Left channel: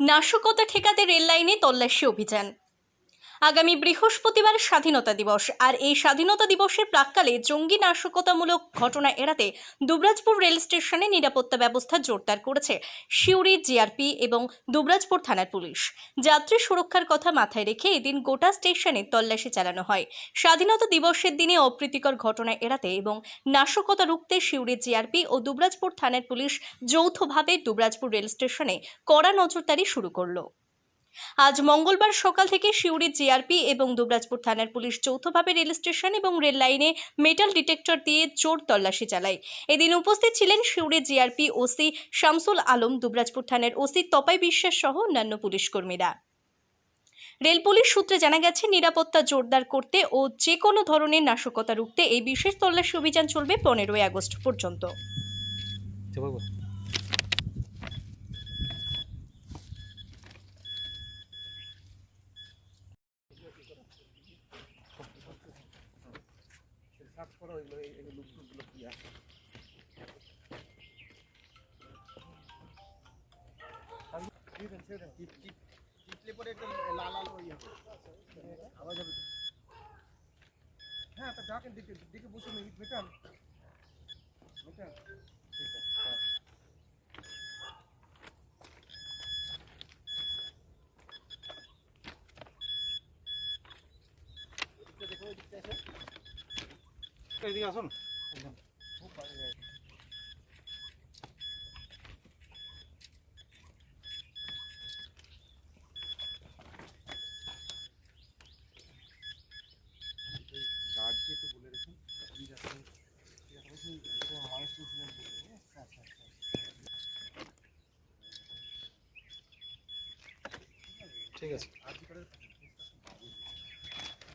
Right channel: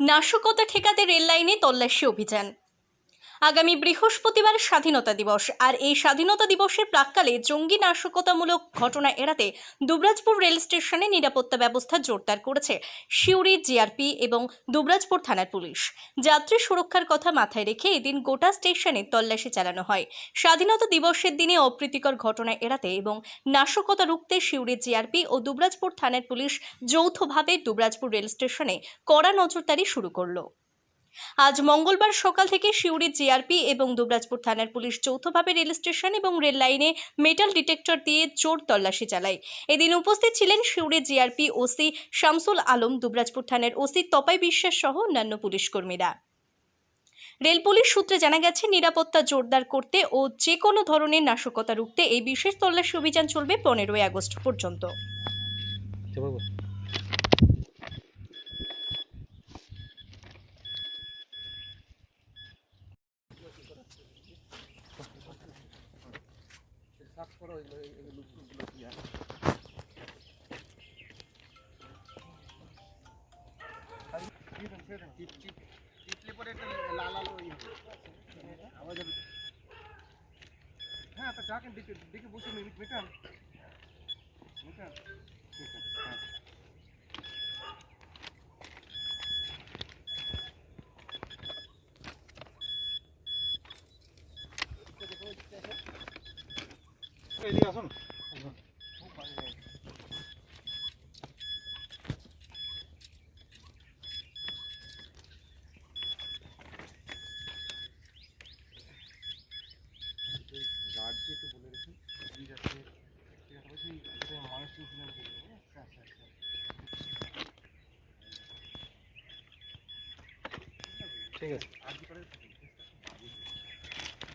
নাশকতা ঠেকাতে রেললাইনে তল্লাশি অভিযান। আগামী বৃহস্পতিবার স্বাধীনতা দিবস। আর এই স্বাধীনতা দিবসের প্রাককালে জঙ্গি নাশকতামূলক ঘটনা এড়াতে দুবরাজপুর রেল স্টেশনে নিরাপত্তা ব্যবস্থা জোরদার করেছে সিউড়ি জিআরপি এবং দুবরাজপুর থানার পুলিশ। যাত্রী সুরক্ষার কথা মাথায় রেখে এদিন গোটা স্টেশনে তল্লাশি চালানো হয়। স্বাধীনতা দিবসের দিনে অপ্রীতিকর ঘটনা এড়াতে এবং নাশকতা রুখতে সিউড়ি জিআরপি ও দুবরাজপুর থানার পুলিশ যৌথভাবে দুবরাজপুর রেল স্টেশনে কড়া নজরদারি শুরু করল। আজ মঙ্গলবার সকাল থেকে সিউড়ি জিআরপি এবং দুবরাজপুর থানার পুলিশ যৌথভাবে রেল স্টেশন এবং রেল লাইনে মেটাল ডিটেক্টর দিয়ে জোর তল্লাশি চালায়। এদিন উপস্থিত ছিলেন সিউড়ি জিআরপি ওসি শামসুল আলম, দুবরাজপুর থানার ওসি তপাই বিশ্বাস সহ অন্যান্য পুলিশ কর্মীরা। রেল পুলিশ সূত্রে জানা গেছে, নিরাপত্তা জোরদার করতে ও যে কোনো ধরনের নাশকতা রুখতে এই বিশেষ তল্লাশি অভিযান চলবে পনেরোই আগস্ট পর্যন্ত। এগুলো আছে লাল ওই আওয়াজ হ্যাঁ তা ডাকেন দিকে দিকে বসে মেটান। মেটান ঠিক আছে হ্যাঁ দেখো দিকটা আছে এদিকে আসুন গার্ডকে একটু বলে রেখুন মানুষ যাবে আচ্ছা আচ্ছা ঠিক আছে।